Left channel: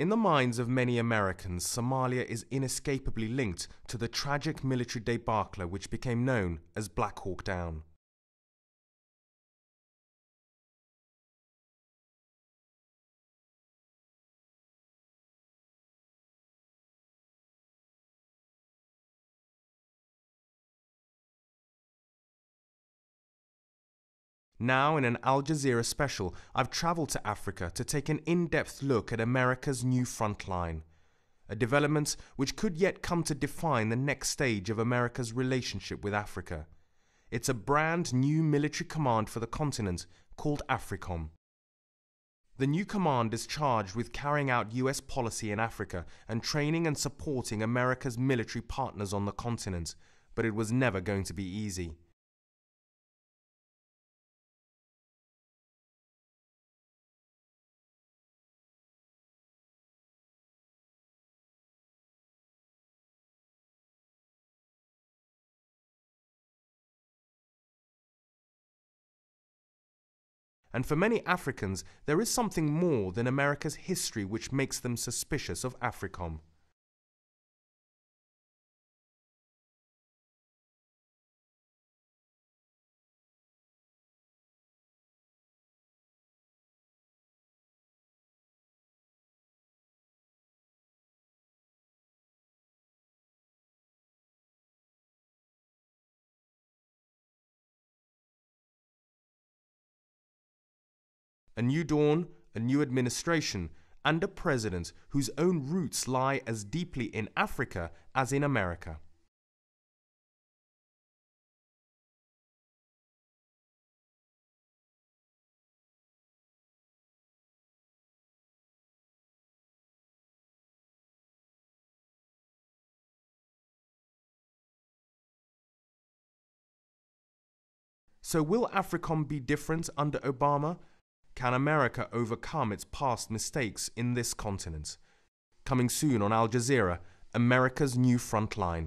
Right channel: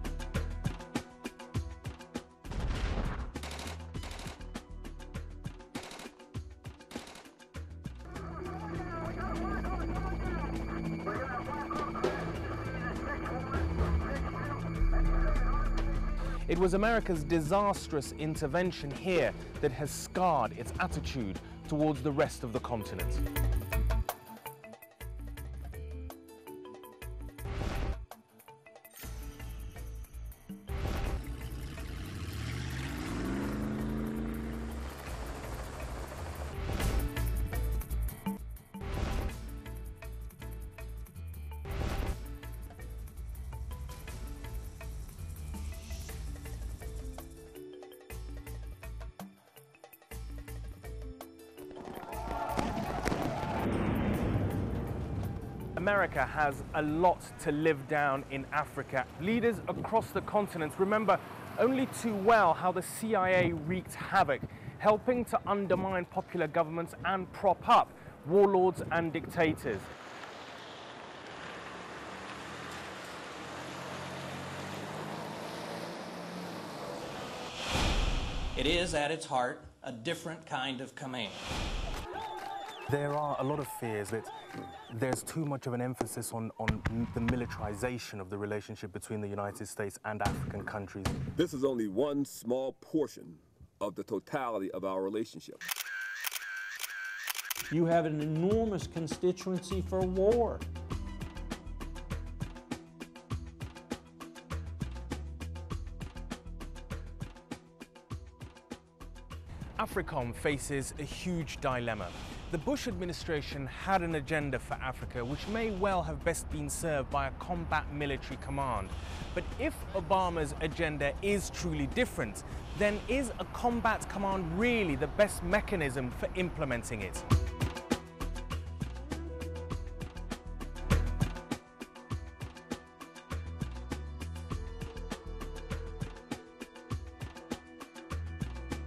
In the minds of many Americans, Somalia is inescapably linked to the tragic military debacle which became known as Black Hawk Down. It was America's disastrous intervention here that has scarred its attitude towards the rest of the continent. Now, in an Al Jazeera special, I've travelled to Africa to take an in-depth look at America's new Frontline, a development which could yet come to define the next stage of America's relationship with Africa. It's a brand new military command for the continent called AFRICOM. The new command is charged with carrying out US policy in Africa and training and supporting America's military partners on the continent, but it was never going to be easy. America has a lot to live down in Africa. Leaders across the continent remember only too well how the CIA wreaked havoc, helping to undermine popular governments and prop up warlords and dictators. And for many Africans, there is something more than America's history which makes them suspicious of AFRICOM. It is, at its heart, a different kind of command. There are a lot of fears that there's too much of an emphasis on the militarization of the relationship between the United States and African countries. This is only one small portion of the totality of our relationship. You have an enormous constituency for war. A new dawn, a new administration, and a president whose own roots lie as deeply in Africa as in America. AFRICOM faces a huge dilemma. The Bush administration had an agenda for Africa which may well have best been served by a combat military command. But if Obama's agenda is truly different, then is a combat command really the best mechanism for implementing it? So will AFRICOM be different under Obama? Can America overcome its past mistakes in this continent? Coming soon on Al Jazeera, America's new Frontline.